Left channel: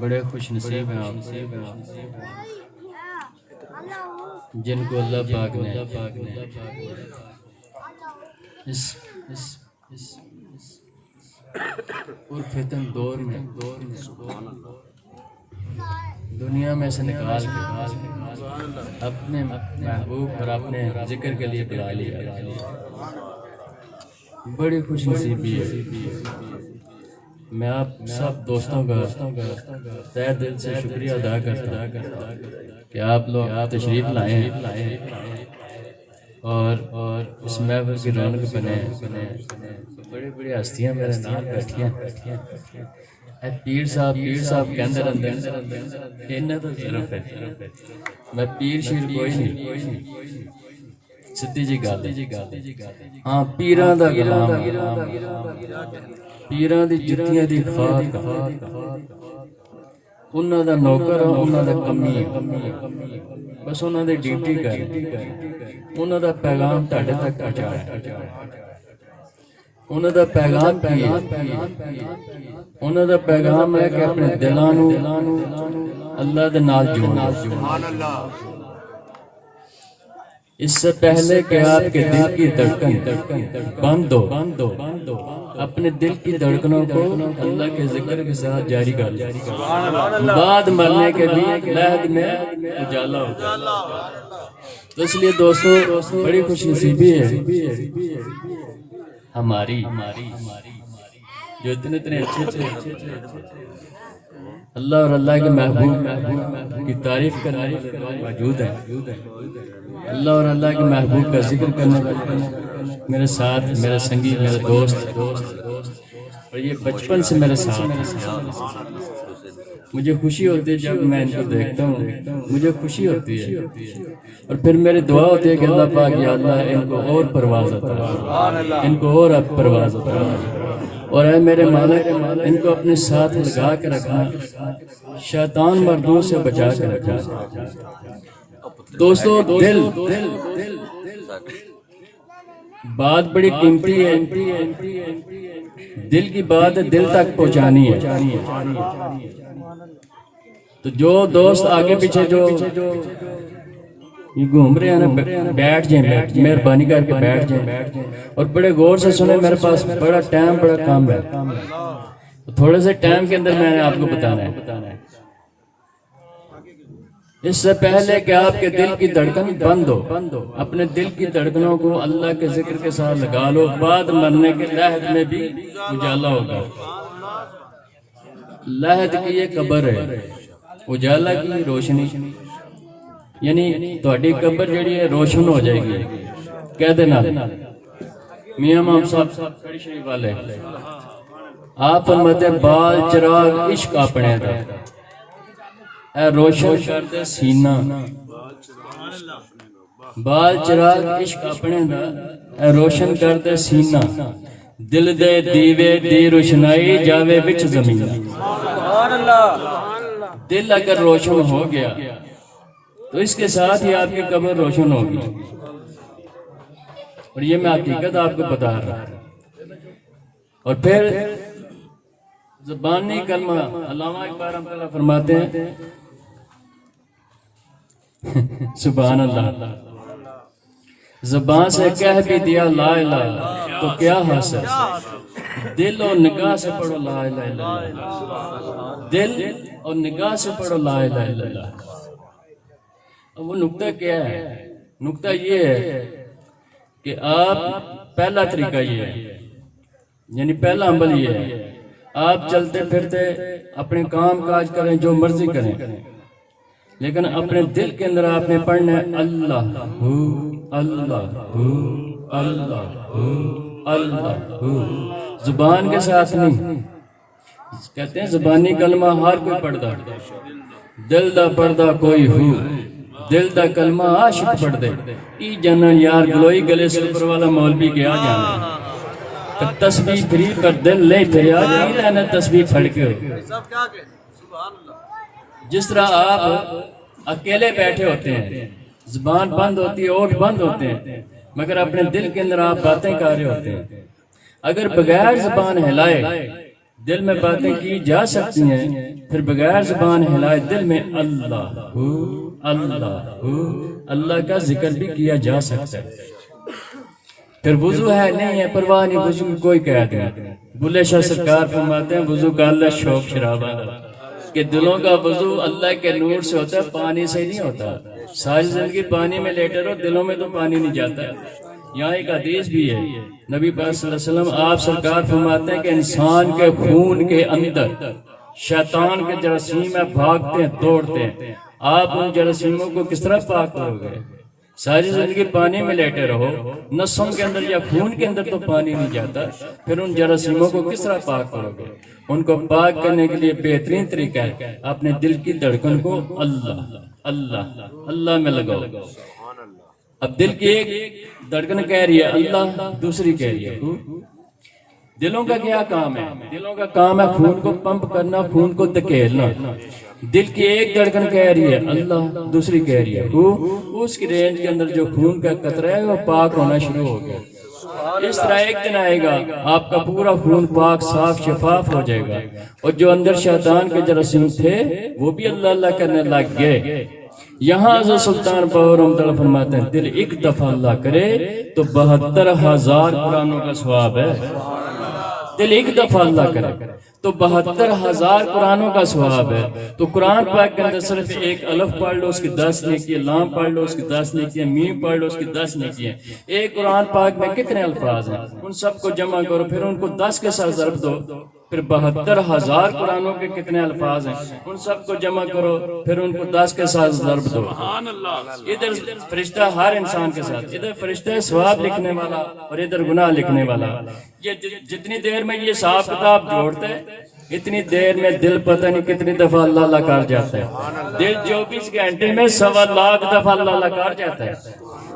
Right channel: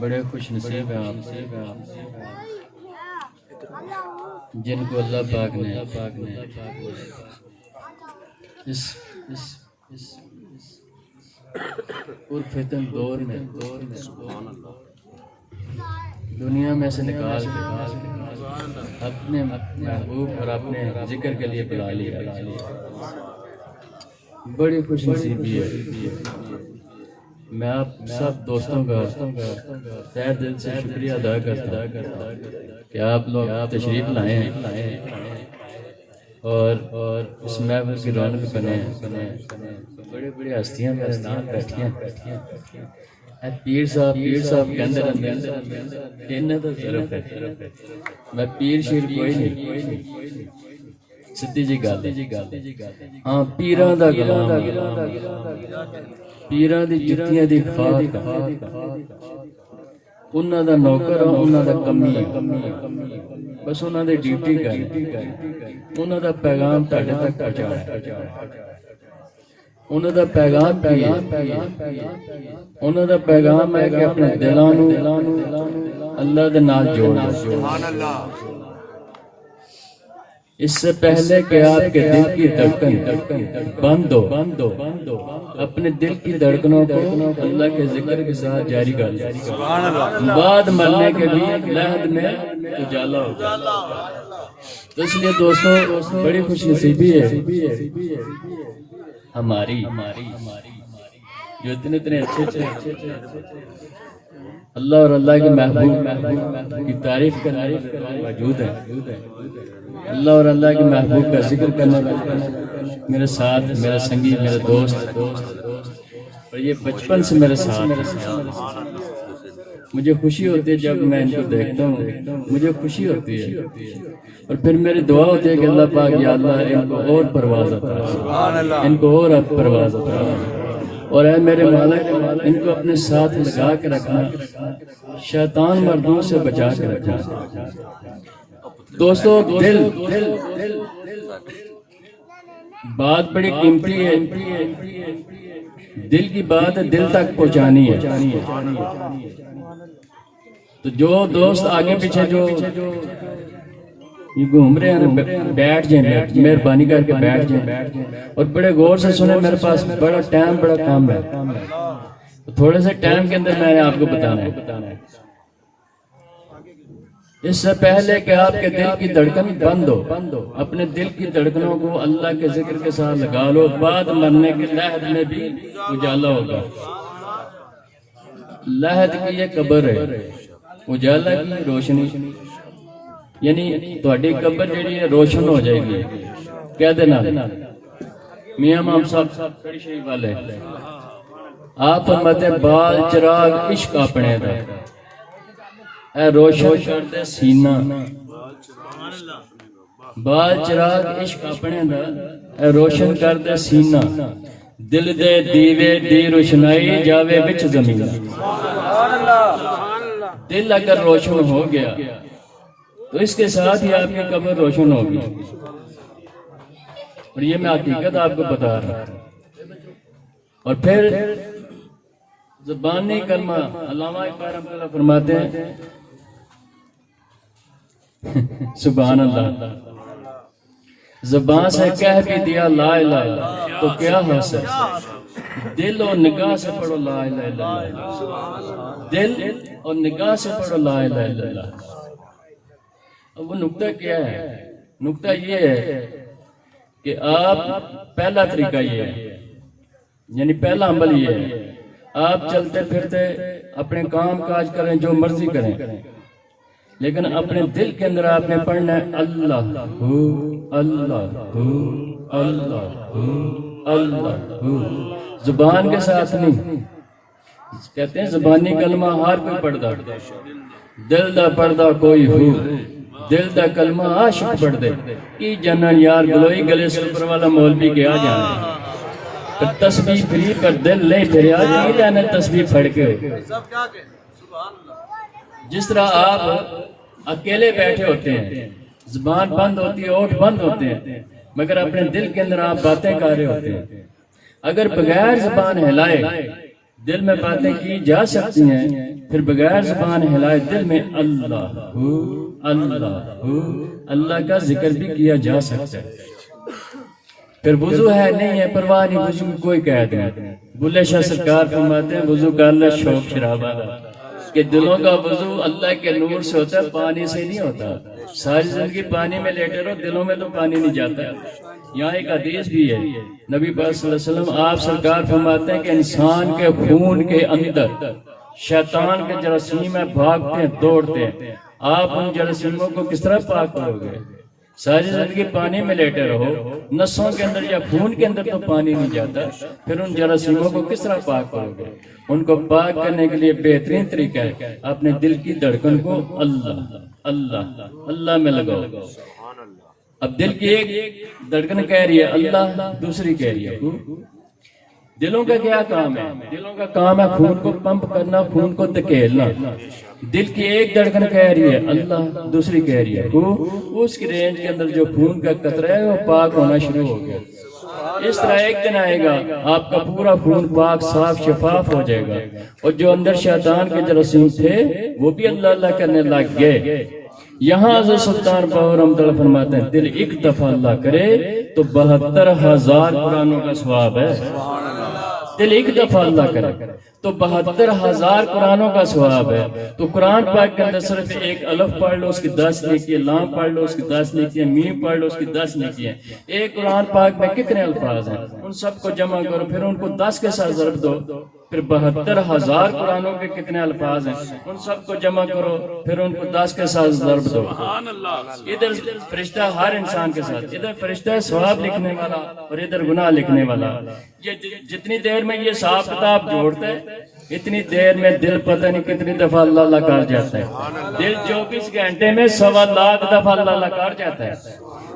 بڑے خوش نصیب ہیں آپ جن کو اللہ پاک نے اس پرفتن دور میں دنیا میں سے نکال کے اپنے محبوب اور اپنے ذکر کے لیے بلا لیا. بڑی خوش نصیبی ہے. میں آپ سب دوستوں کا تہ دل سے شکریہ ادا کرتا ہوں کہ آپ لوگ تشریف لائے ہیں اور اس محفل کی رونق بنے. بڑی بڑی ہستیاں میرے ساتھ بیٹھی ہیں. پیر صاحب کے اندر انہیں تو ضرورت ہے. میں پیر شیر کوئی نہیں, سدھی جی گل. ہاں پیراں دا غلام, پیراں دی جتیاں دی خاک, انہاں دا نوکر, انہاں دا کمی, بس انہاں دی ڈیوٹی کر, انہاں دا پیغام تہاڈے تک پہنچایا. انہاں دا پیغام کی ہے؟ انہاں دا پیغام ہے کہ اپنے دلاں نوں اللہ دے نال جوڑو. اس سے پہلے کہ آپ کے دل کی دھڑکن بند ہو, اپنے دل کی دھڑکنوں کو اللہ کے ذکر کے ساتھ جاری کر. بعد مرنے کے بھی لحد میں اجالا ہو. تو اس لیے دوستوں بڑی خوش نصیبی ہے ہماری جو اتنے اچھے اللہ اور اللہ کے محبوب کی تعریف کرنے والے موجود ہیں. اللہ اور اللہ کے محبوب کا ذکر کرنے والے میرے ساتھ, میرا سنگی, میرا دوست, اور یہ بچپن سے میرے ساتھ. مجھے خوشی ہوتی ہے جب میں ان کو دیکھتا ہوں, مجھے خوشی ہوتی ہے. اور پھر میری دعا ہوتی ہے کہ اللہ پاک یا اللہ ان کو اور پرواز عطا, ان کو اور پرواز عطا, اور اے میرے مالک ان کو اپنے ساتھ لگا کے رکھنا, شیطان مردوں سے بچا کے رکھنا. دوستوں دل بات بڑی قیمتی ہے. دل کی بات دل تک پہنچانی ہے. تو جو دوست آگے پیچھے جو یہ گھوم رہے ہیں بیٹھ جائیں, مہربانی کر کے بیٹھ جائیں اور بڑے غور سے سنیں. میرے پاس بڑا ٹائم, بڑا کام ہے. تھوڑے سے ٹائم کے اندر میں نے آپ کو بتانا ہے. اس سے پہلے کہ آپ کے دل کی دھڑکن بند ہو, اپنے دل کی دھڑکنوں کو اللہ کے ذکر کے ساتھ لگا لو. بعد مرنے کے لحد میں بھی اجالا ہوگا. لحد کی یہ قبر ہے, اجالا کی روشنی, یعنی تہاڈی قبر جڑی ہے روشن ہو جائے گی. کہہ دینا میاں امام صاحب کھڑی شریف والے, آپ فرماتے بال چراغ عشق اپنے دا اے روشن کر دے سینہ. بال چراغ عشق اپنے دا اے روشن کر دے سینہ. دل دے دیوے دی روشنائی جاوے وچ زمین. دل اگر روشن ہو گیا تو اس کے ساتھ ہی آپ کی قبر روشن ہوگی. اور یہ میں حقیقت آپ کو بتا رہا ہوں. اور پھر زبانی کلمہ, علامہ اقبال رحمۃ اللہ فرماتے ہیں سبحان اللہ, زبان سے کہہ بھی دیا لا الہ تو کیا حاصل, دل اور نگاہ سے پڑھو لا الہ الا اللہ. دل اور نگاہ سے پڑھو لا الہ الا اللہ. اب وہ نقطہ کیا ہے؟ نقطہ یہ ہے کہ آپ پہلا طریقہ یہ ہے, یعنی پہلا عمل یہ ہے, آپ چلتے پھرتے اپنے کام کاج کریں, جو مرضی کریں, لیکن اپنے دل کے اندر آپ نے پڑھنا ہے اللہ ہو اللہ ہو اللہ ہو اللہ ہو. زبان کے ساتھ نہیں. کہتے ہیں زبانی کلمہ ہر کوئی پڑھتا, دل دا پڑھتا کوئی ہو. دل دا کلمہ عاشق پڑھ دے کی جنن یار گلوئی گلے سے اوپر والا مولوی کیا جانا. تسبیح پھری پر دل نہیں پھریا کی لینے تسبیح پھڑ کے. جس طرح آپ اکیلے بیٹھے ہوتے ہیں, زبان بند ہوتی ہے, ہونٹ بند ہوتے ہیں, مگر اپنے دل کے اندر آپ باتیں کر رہے ہوتے ہیں. اگر بغیر زبان ہلائے دل میں باتیں کی جا سکتی ہیں، پھر بغیر زبان ہلائے دل میں اللہ اللہ کا ذکر بھی کیا جا سکتا ہے۔ پھر وضو ہے نہیں ہے پرواہ نہیں، وضو کی کوئی قید نہیں۔ بلے شاہ سرکار فرماتے ہیں وضو کا اللہ شوق شرابہ کہ دلوں کا وضو اللہ کے نور سے ہوتا ہے، پانی سے نہیں ہوتا۔ ساری زندگی پانی میں لیٹے رہو، دلوں میں تو پانی نہیں جاتا۔ یہاں ایک حدیث بھی ہے، نبی پاک صلی اللہ علیہ وسلم آپ سرکار فرماتے ہیں کہ انسان کے خون کے اندر شیطان کے جراثیم بھاگتے ہیں، دوڑتے ہیں، آپ ان جراثیموں کو کس طرح پاک کرو گے؟ ساری زندگی پانی میں لیٹے رہو، نسوں کے اندر یا خون کے اندر تو پانی نہیں جاتا، پھر ان جراثیموں کو کس طرح پاک کرو گے؟ ان کو پاک کرنے کے لیے بہترین طریقہ ہے اپنے دل کی دھڑکن کو اللہ میں لگاؤ۔ اب دل کی ایک دھڑکن کہہ رہی ہے اللہ، دوسری کہہ رہی ہے دلوں کا کیا کام ہے؟ دلوں کا کام ہے خون کو پمپ کرنا، خون کو دھکیلنا۔ دل کی ایک دھڑکن کہہ رہی ہے اللہ، دوسری کہہ رہی ہے اس کی رینج کے اندر جو خون کا قطرہ ہے وہ پاک ہونا شروع ہو گیا۔ اس طرح ایک دن آئے گا آپ کا پورا خون پاک صاف شفاف ہو جائے گا، اور جو اندر شیطان کے جراثیم تھے وہ بھی اللہ کرنے لگ گئے۔ یہاں حضرت سلطان باہو رحمۃ اللہ فرماتے ہیں دل ایک دفعہ اللہ کرے تو 72,000 قرآنوں کا ثواب ہے۔ دل ایک دفعہ اللہ کرے تو 72,000 قرآنوں کا ثواب ہے۔ تو قرآن پاک کے اندر صرف ایک الف پڑھ لو اس کی 10 نیکیاں، لام پڑھ لو اس کی 10 نیکیاں، میم پڑھ لو اس کی 10 نیکیاں۔ ایک قرآن پاک میں کتنے الفاظ ہیں؟ ان سب کو جمع کرو، پھر ان کو 10 کے ساتھ ضرب دو، پھر 72,000 قرآنوں کے کتنے الفاظ ہیں؟ ان سب کو جمع کرو، پھر ان کو 10 کے ساتھ ضرب دو۔ ادھر فرشتہ ہر انسان کے ساتھ، ادھر فرشتہ ثواب لکھنے والا اور ادھر گناہ لکھنے والا۔ یہ جتنی دیر میں یہ حساب کتاب جوڑتا ہے اتنی دیر میں دل پتہ نہیں کتنی دفعہ اللہ کر جاتا ہے۔ دل 24 گھنٹے میں 1.25 دفعہ اللہ کر جاتا ہے۔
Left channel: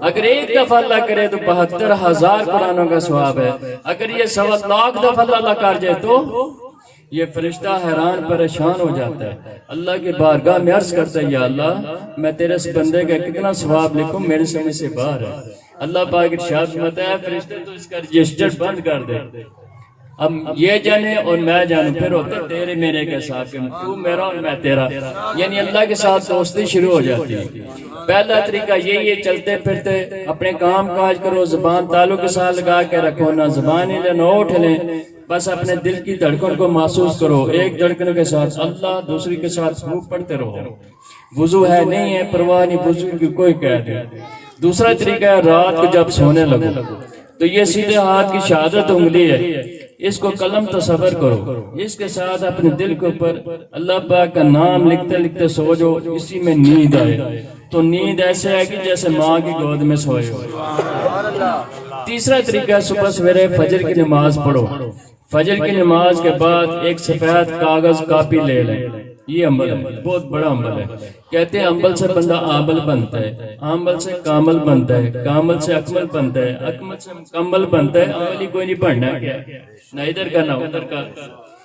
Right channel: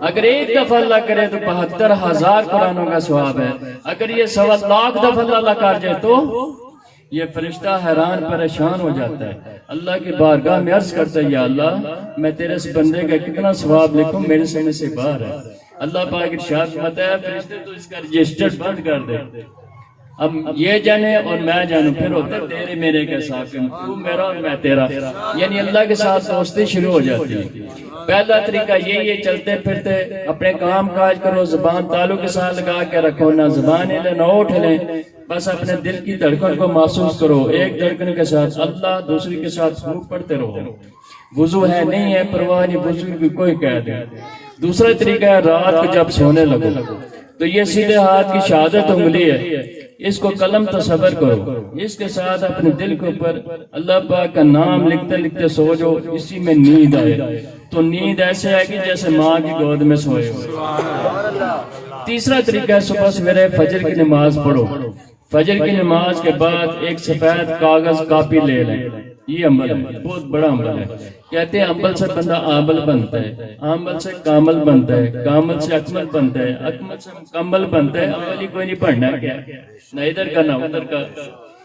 اگر ایک دفعہ اللہ کرے تو 72,000 قرآنوں کا ثواب ہے۔ اگر یہ 1.25 دفعہ اللہ کر جائے تو یہ فرشتہ حیران پریشان ہو جاتا ہے، اللہ کی بارگاہ میں عرض کرتا ہے یا اللہ میں تیرے اس بندے کا کتنا ثواب لکھوں، میرے سمجھ سے باہر ہے۔ اللہ پاک ارشاد فرماتا ہے فرشتے تو اس کا رجسٹر بند کر دے، اب یہ جانے اور میں جانوں، پھر ہوتا تیرے میرے کے ساتھ، تو میرا اور میں تیرا، یعنی اللہ کے ساتھ دوستی شروع ہو جاتی ہے۔ پہلا طریقہ یہ چلتے پھرتے اپنے کام کاج کرو، زبان تالو کے ساتھ لگا کے رکھو، نہ زبان ہلے نہ اٹھ لیں، بس اپنے دل کی دھڑکن کو محسوس کرو، ایک دھڑکن کے ساتھ اللہ، دوسری کے ساتھ خوب پڑھتے رہو۔ وضو ہے نہیں ہے پرواہ نہیں، وضو کی کوئی قید نہیں۔ دوسرا طریقہ ہے رات کو جب سونے لگو تو یہ سیدھے ہاتھ کی شہادت انگلی ہے، اس کو قلم تصور کرو، اس کے ساتھ اپنے دل کے اوپر اللہ پاک کا نام لکھتے لکھتے سو جاؤ، اسی میں نیند آئے تو نیند ایسے آئے گی جیسے ماں کی گود میں سوئے ہو۔ تیسرا طریقہ ہے صبح سویرے فجر کی نماز پڑھو، فجر کی نماز کے بعد ایک سفید کاغذ کاپی لے لیں، یہ عمل ہے، بہت بڑا عمل ہے۔ کہتے ہیں عمل سے بندہ عامل بنتا ہے، عامل سے کامل بنتا ہے، کامل سے اکمل بنتا ہے، اکمل سے مکمل بنتا ہے۔ عمل ہی کوئی نہیں پڑھنا کیا، نہ ادھر کا نہ ادھر کا،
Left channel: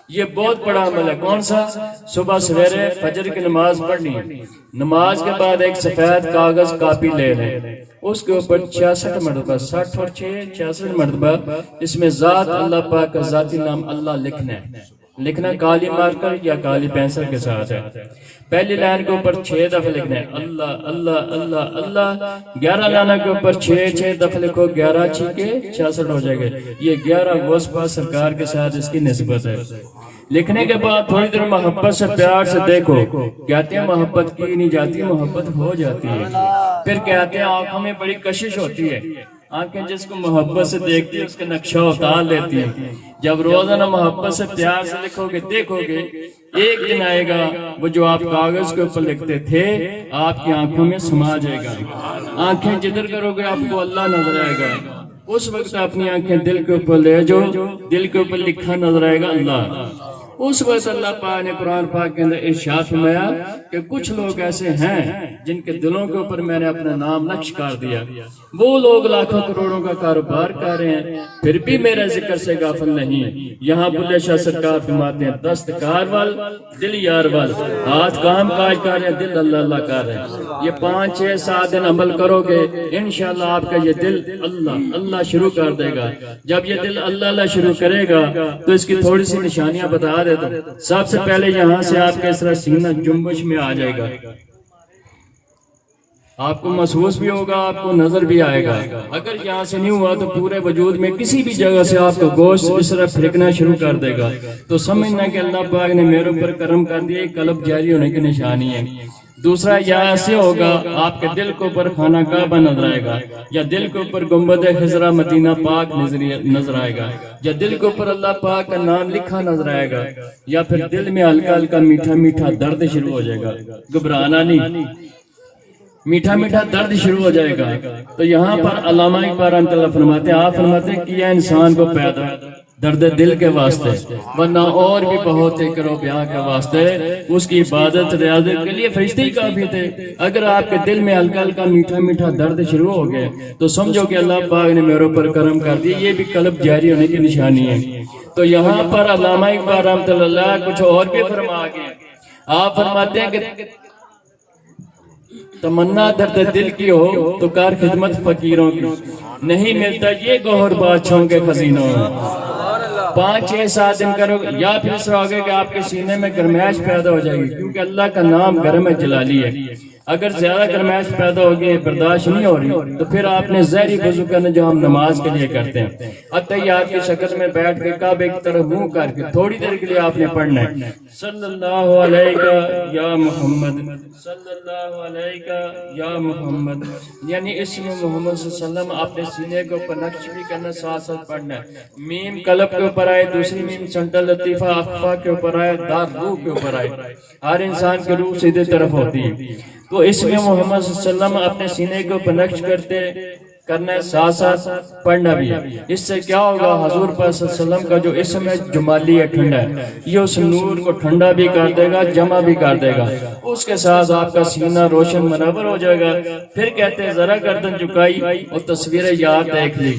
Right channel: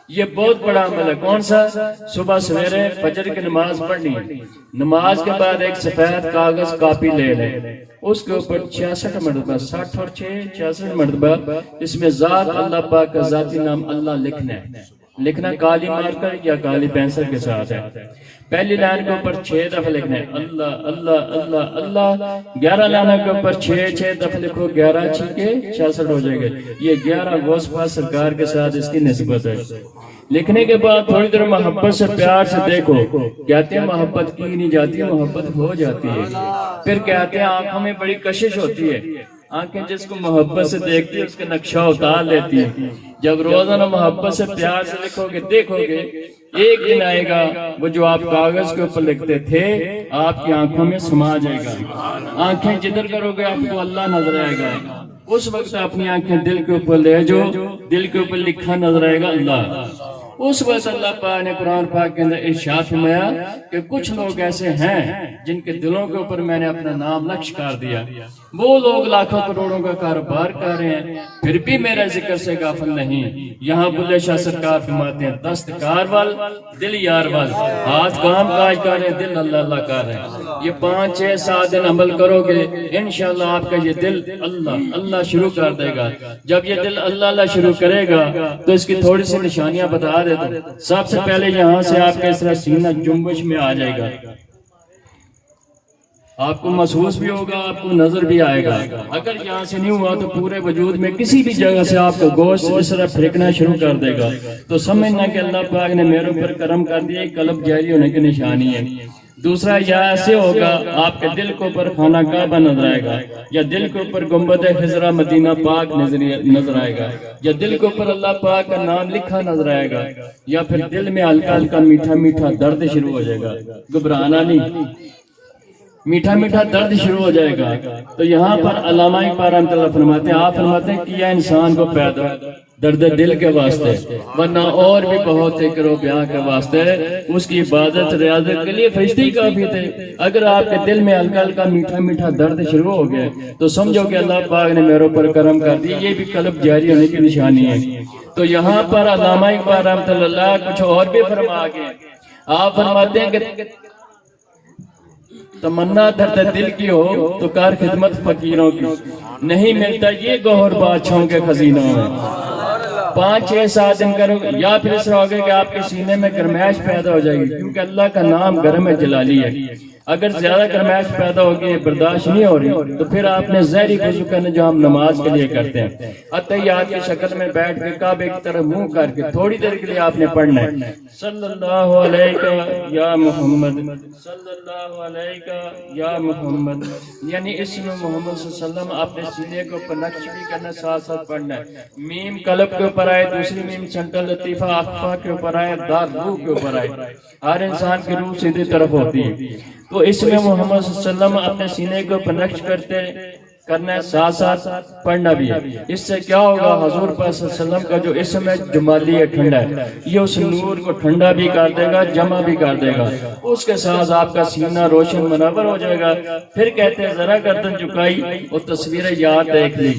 یہ بہت بڑا عمل ہے۔ کون سا؟ صبح سویرے فجر کی نماز پڑھنی ہے، نماز کے بعد ایک سفید کاغذ کاپی لے لیں، اس کے اوپر 66 مرتبہ 60 اور 66 مرتبہ اس میں ذات اللہ پاک کا ذاتی نام اللہ لکھنا ہے۔ لکھنا کالی مارکر یا کالی پینسل کے ساتھ ہے۔ پہلی لائن کے اوپر 6 دفعہ لکھنا ہے اللہ اللہ اللہ اللہ، 11 لائنوں کے اوپر 6 دفعہ لکھو، 11 چھکے 66 ہو جائے گا۔ یہ 11 وصفہ سرکار کے ساتھ اس کی نسبت ہے۔ لکھنے کے بعد تھوڑی دیر محبت سے پیار سے دیکھو، کہتے ہیں محبت کی نہیں جاتی، محبت ہو جاتی ہے۔ پھر کہتے ہیں آنکھوں میں بڑی کشش ہوتی ہے، آنکھیں جس کو محبت سے دیکھتی ہے اس کا نقشہ اتار لیتی ہے۔ جب روزانہ محبت سے پیار سے لکھو گے، دیکھو گے ایک دن آئے گا وہ جو آپ کاغذ کے اوپر لکھتے تھے آپ کی آنکھوں میں سما جائے گا۔ آنکھیں جدھر کرو گے آپ کو اللہ نظر آئے گا، اس وقت اپنی آنکھیں دل کے اوپر لے جو، دل کے اوپر لکھا نظر آئے گا اللہ۔ اس وقت اللہ پاک نے قرآن پاک کے اندر ارشاد فرمایا کہ کچھ لوگ ایسے ہیں جن کے دلوں کے اوپر میں نے اپنا نام نقش کر دیا، وہ لوگ لاکھوں کروڑوں کا کاروبار کر رہے ہیں پھر بھی میرے ذکر سے غافل نہیں۔ یہاں بلے شاہ سرکار فرماتے ہیں دستکار وال دل یار وال، ہاتھ کام کاج کر رہے ہیں، دل اللہ اللہ کر رہے ہیں۔ یہ 5 6 7 دن عمل کرو گے انشاءاللہ آپ کا یہ دل اللہ اللہ شروع کر دے گا. جب یہ دل اللہ اللہ شروع کرے گا تو اس کی تھوڑی سی نشانیاں بتا دیتا ہوں. سب سے پہلے یہاں سے آپ کا اس طرح سینہ جنبش میں آ جائے گا, آپ کو محسوس بھی ہوگا, آپ کو نظر بھی آئے گا. اگر یہاں سے نہیں ہوا تو پورے وجود میں کسی بھی جگہ سے آپ کا گوشت اس طرح پھینکنا شروع کر دے گا, تو سمجھنا کہ اللہ پاک نے میرے اوپر کرم کر دیا, قلب جاری ہونے کی نشانی ہے. دوسرا یہاں ایسے ہوگا آپ کے دل کے اوپر خانہ کعبہ نظر آئے گا, یا دل کے اوپر گنبد خضرا مدینہ پاک نظر آئے گا, یا دل کے اوپر اللہ پاک کا نام لکھا نظر آئے گا, یا پھر دل میں ہلکا ہلکا میٹھا میٹھا درد شروع ہو جائے گا. گھبرانا نہیں, میٹھا میٹھا درد شروع ہو جائے گا. تو یہاں پر علامہ اقبال رحمۃ اللہ فرماتے ہیں, آپ فرماتے ہیں کیا انسان کو پیدا درد دل کے واسطے, ورنہ اور بھی بہت ہے کرو بیاں کے واسطے. اس کی عبادت ریاضت کے لیے فرشتے ہی کافی تھے. اگر آپ کے دل میں ہلکا ہلکا میٹھا میٹھا درد شروع ہو گیا تو سمجھو کہ اللہ پاک نے میرے اوپر کرم کر دیا, یہ بھی قلب جاری ہونے کی نشانی ہے. تو یہاں پر علامہ اقبال رحمۃ اللہ کچھ اور بھی فرما گئے. آپ فرماتے ہیں کہ تمنا درد دل کی ہو تو کار خدمت فقیروں کی, نہیں ملتا یہ گوہر بادشاہوں کے خزینوں میں. 5 6 7 دن کرو گے, یا پھر اس طرح ہوگا کہ آپ کے سینے میں گرمائش پیدا ہو جائے گی, کیونکہ اللہ کا نام گرم جلالی ہے. اگر زیادہ گرمائش پیدا ہوگی, برداشت نہیں ہو رہی, تو پھر آپ نے ظہری وضو کرنا جو ہم نماز کے لیے کرتے ہیں, اتحیات کی شکل میں بیٹھ کے کعبے کی طرف منہ کر کے تھوڑی دیر کے لیے آپ نے پڑھنا ہے صلی اللہ علیہ یا محمد, صلی اللہ علیہ یا محمد, یعنی اسم محمد صلی اللہ علیہ وسلم اپنے سینے کے اوپر نقش بھی کرنا, ساتھ ساتھ پڑھنا ہے. میم قلب کے اوپر آئے, دوسری میم سنکل لطیفہ اخفا کے اوپر آئے, داد روح کے اوپر آئے. ہر انسان کے روح سیدھے طرف ہوتی ہے, تو اس میں محمد صلی اللہ علیہ وسلم اپنے سینے کے اوپر نقش کرنا ہے, ساتھ ساتھ پڑھنا بھی ہے. اس سے کیا ہوگا, حضور پاک صلی اللہ علیہ وسلم کا جو اسم ہے جمالی ہے, ٹھنڈا ہے, یہ اس نور کو ٹھنڈا بھی کر دے گا, جمع بھی کر دے گا. اس کے ساتھ آپ کا سینہ روشن منور ہو جائے گا. پھر کہتے ہیں ذرا گردن جھکائی اور تصویر یاد دیکھ لی.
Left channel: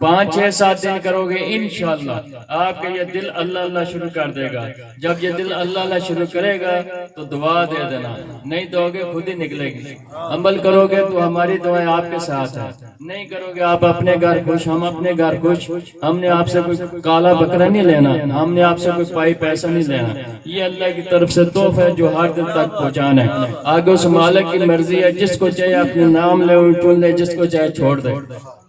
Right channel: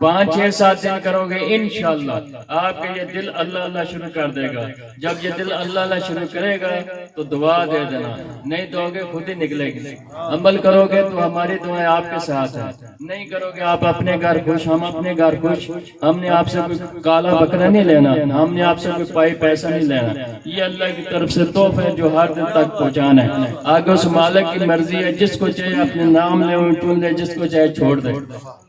5 6 7 دن کرو گے انشاءاللہ آپ کا یہ دل اللہ اللہ شروع کر دے گا. جب یہ دل اللہ اللہ شروع کرے گا تو دعا دے دینا, نہیں دو گے خود ہی نکلے گی. عمل کرو گے تو ہماری دعائیں آپ کے ساتھ ہیں, نہیں کرو گے آپ اپنے گھر خوش, ہم اپنے گھر خوش. ہم نے آپ سے کوئی کالا بکرا نہیں لینا, ہم نے آپ سے کوئی پائی پیسہ نہیں لینا. یہ اللہ کی طرف سے تحفہ ہے جو ہر دل تک پہنچانا ہے. آگے اس مالک کی مرضی ہے, جس کو چاہے اپنے نام لے چن لے, جس کو چاہے چھوڑ دے.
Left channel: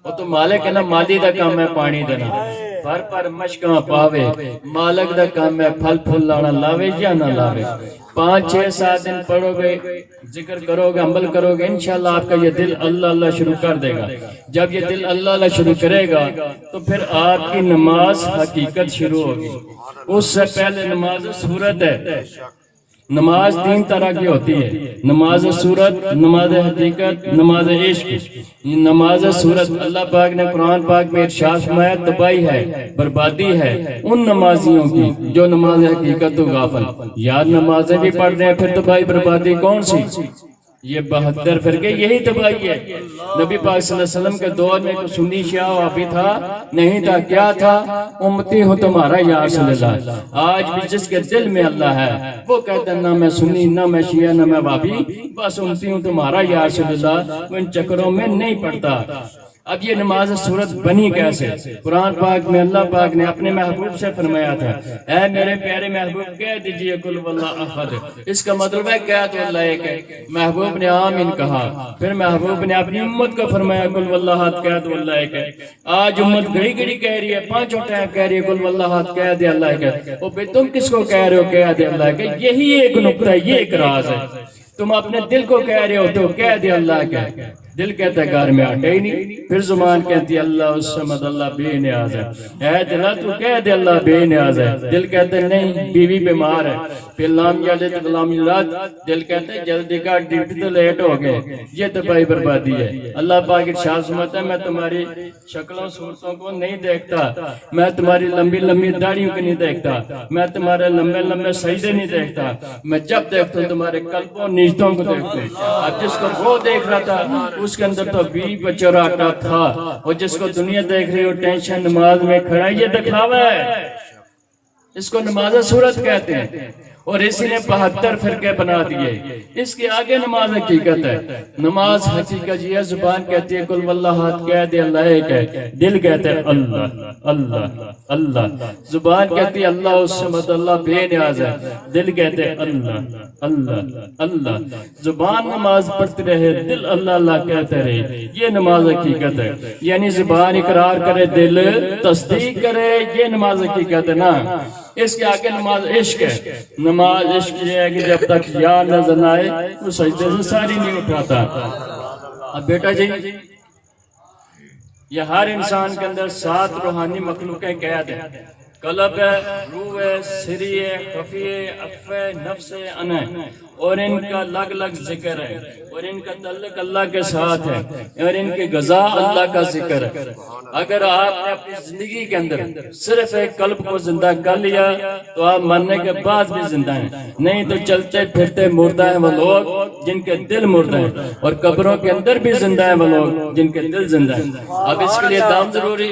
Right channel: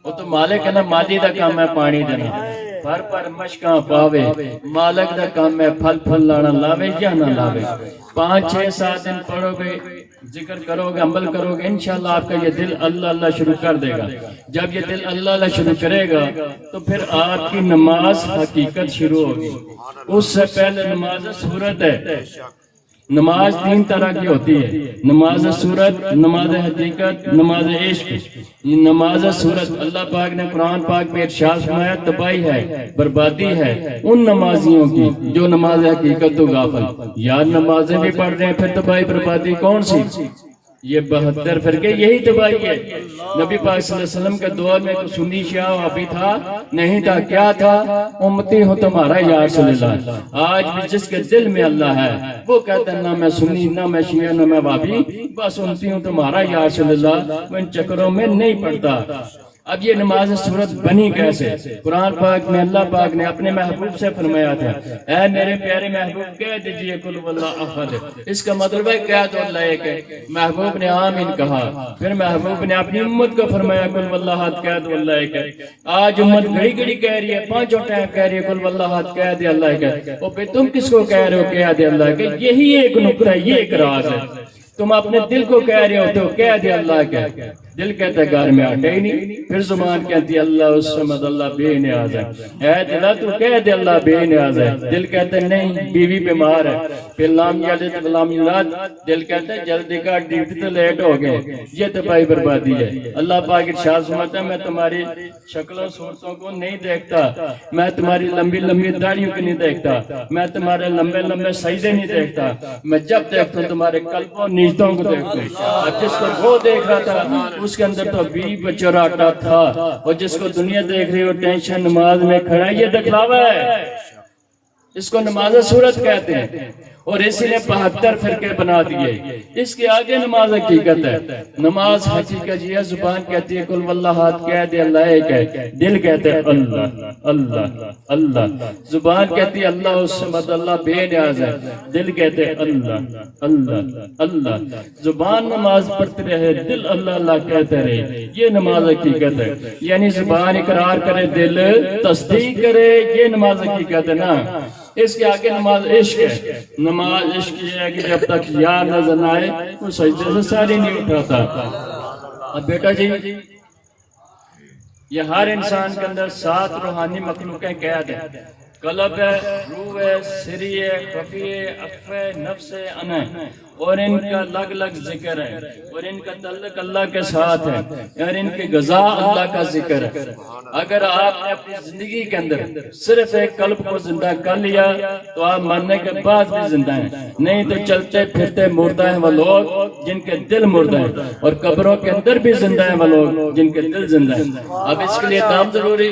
وہ تو مالک ہے نا, مالی دا کام ہے پانی دینا, پر مشکاں پاوے. مالک دا کام ہے پھل پھل لانا, لاوے یا نہ لاوے. 5 6 7 دن پڑھو گے, ذکر کرو گے, عمل کرو گے, انشاءاللہ آپ کا یہ دل اللہ اللہ شروع کر دے گا. جب یہ دل اللہ اللہ شروع کرے گا تو پھر آپ کی نماز حقیقت شروع ہوگی. اس سے پہلے نماز صورت ہے. نماز 3 طرح کی ہوتی ہے, نماز صورت, نماز حقیقت, نماز عشق. نماز صورت اللہ پاک نے قرآن پاک میں ارشاد فرمایا تباہی ہے, بربادی ہے ان نمازیوں کی جو نماز حقیقت تو غافل. یاد نمازیں بھی پڑھ رہے ہیں, پھر تباہی بربادی کون سی؟ یہ 72 فرقے, یہی تباہی ہے. نبی پاک صلی اللہ علیہ وسلم کے دور میں کوئی سنی شیعہ وہابی تھا نہیں تھا, کیا تھا؟ امتی ہو تمہارا یا رسول اللہ. آج بھی جس کے دل میں اللہ ہے وہ کہتا ہے نہ میں سنی, نہ میں شیعہ, نہ میں وہابی, بس امتی ہوں تمہارا یا رسول اللہ. وہ ان چکروں میں نہیں پڑتا. اب یہ نماز صورت بنی کیسے؟ قرآن پاک میں اللہ پاک نے اپنے محبوب سے فرمایا تھا, اے میرے پیارے محبوب کہہ دیجئے قل واللہ احد. اس کا مطلب ہے کہہ تو اللہ ایک ہے. محبوب نے آمین کہا, پھر محبوب نے اپنی امت کو فرمایا قل واللہ احد, کہہ تو اللہ ایک ہے. آج امت گھڑی گھڑی کہہ رہی ہے, 5 ٹائم کہہ رہی ہے قل واللہ احد, کہہ دے اللہ ایک ہے. اور پھر تم کس کو کہہ رہے ہو کہہ دے اللہ ایک ہے؟ یہی ایک نقطہ ہے, یہ ایک راز ہے. تم اپنے دل کو کہہ رہے ہوتے ہو کہہ دے اللہ کیا, دل کہتا ہے گھر میں آٹے ہی نہیں, پھر زبان کہتی ہے اللہ الصمد, اللہ بے نیاز ہے. اے دلا تو کہہ دے اللہ بے نیاز ہے, دل کہتا ہے نہیں بیوی بیمار ہے, پھر لام جلد غلام رات, دل کہتا ہے جلدی کا ڈیوٹی تو لیٹ ہو گئے. یہ تباہی بربادی ہے. اللہ پاک ارشاد فرماتا ہے میں تمہاری شکل و صورتوں کو نہیں دیکھتا, میں تمہاری لمبی لمبی داڑھیوں کو نہیں دیکھتا, میں تمہارے لمبے لمبے سجدے نہیں دیکھتا, میں جب دیکھتا ہوں تمہارے قلب و نیتوں کو دیکھتا ہوں. جس کو وہ دیکھ رہا تھا اس کے اندر تو بھی بچراٹا تھا, اور جس کو دنیا دیکھ رہی ہو ٹینشن نماز میں کھڑا, یہ دکھلاوا ہے. اس کو نماز صورت کہتے ہیں. اور اسی نے 72 فرقے بنا دیے. اس کے آگے نماز حقیقت ہے. نماز حقیقت یہ زبان کہتی ہے قل واللہ احد کہہ دے اللہ ایک ہے. دل کہتے ہیں اللہ اللہ اللہ. زبان کہتی ہے اللہ الصمد اللہ بے نیاز ہے. دل کہتے ہیں اللہ اللہ اللہ. زبان نماز پڑھتی رہے دل اللہ اللہ کہتے رہے. یہ نماز حقیقت ہے. یعنی زبان اقرار کرے دل تصدیق کرے. یہ نماز حقیقت ہے نا. اس کے آگے نماز عشق ہے. نماز عشق یہ ہے کہ جب تک یار نظر نہ آئے وہ سجدے سے ساری نہیں اٹھاتا. اب بیٹا جی یہ ہر انسان کے اندر 7 روحانی مخلوقیں قید ہیں. قلب ہے، روح ہے، سری ہے، خفی ہے، اخفی ہے، نفس ہے، انا ہے. اور ان کا الگ الگ ذکر ہے اور ان کا تعلق اللہ کے ساتھ ہے اور ان کی غذا اللہ کا ذکر ہے. اگر آپ نے اپنی زندگی کے اندر صرف ایک قلب کو زندہ کر لیا تو آپ مرنے کے بعد بھی زندہ ہیں. نہیں تو چلتے پھرتے مردہ ہیں وہ لوگ جن کے دل مردہ ہیں اور قبروں کے اندر بھی زندہ ہیں وہ لوگ جن کے دل زندہ ہیں. اب اس کے لیے دام ضروری.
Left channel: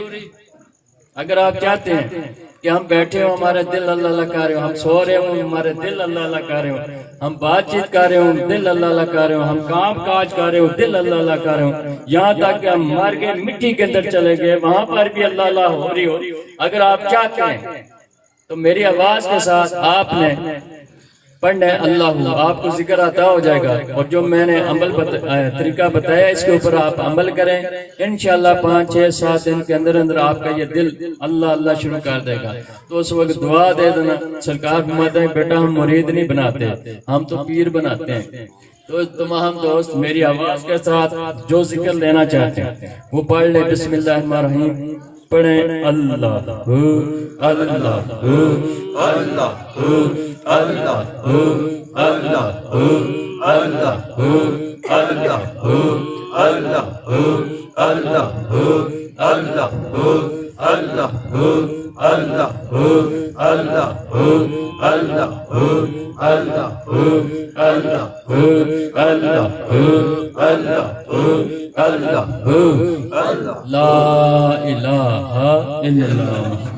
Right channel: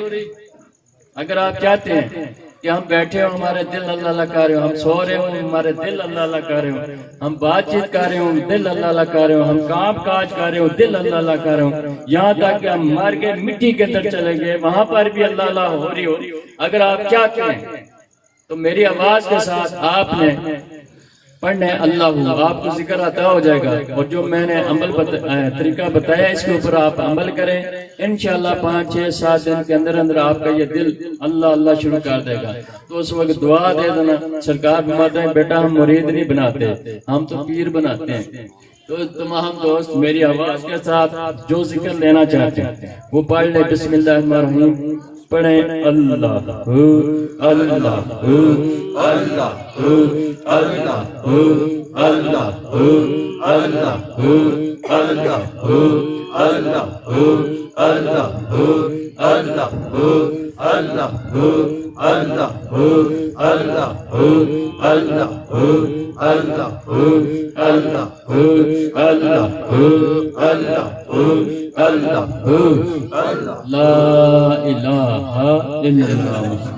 اگر آپ چاہتے ہیں کہ ہم بیٹھے ہوں ہمارے دل اللہ اللہ کر رہے ہوں، ہم سو رہے ہوں ہمارے دل اللہ اللہ کر رہے ہوں، ہم بات چیت کر رہے ہوں دل اللہ اللہ کر رہے ہوں، ہم کام کاج کر رہے ہوں دل اللہ اللہ کر رہے ہوں، یہاں تک کہ ہم مر کے مٹی کے اندر چلے گئے وہاں پر بھی اللہ اللہ ہو رہی ہو. اگر آپ چاہتے ہیں تو میری آواز کے ساتھ آپ نے پڑھنا ہے اللہ، آپ کو ذکر عطا ہو جائے گا. اور جو میں نے طریقہ بتایا اس کے اوپر آپ عمل کریں انشاءاللہ 5 6 7 دن کے اندر اندر آپ کا یہ دل اللہ اللہ شروع کر دے گا. تو اس وقت دعا دے دینا. سرکار فرماتے ہیں بیٹا ہم مرید نہیں بناتے ہم تو پیر بناتے ہیں. تو تمام دوست میری آواز کے ساتھ جو ذکر لینا چاہتے ہیں وہ پڑھ لے. بسم اللہ الرحمن الرحیم پڑھیں اللہ اللہ اللہ اللہ اللہ اللہ اللہ لا الہ الا اللہ.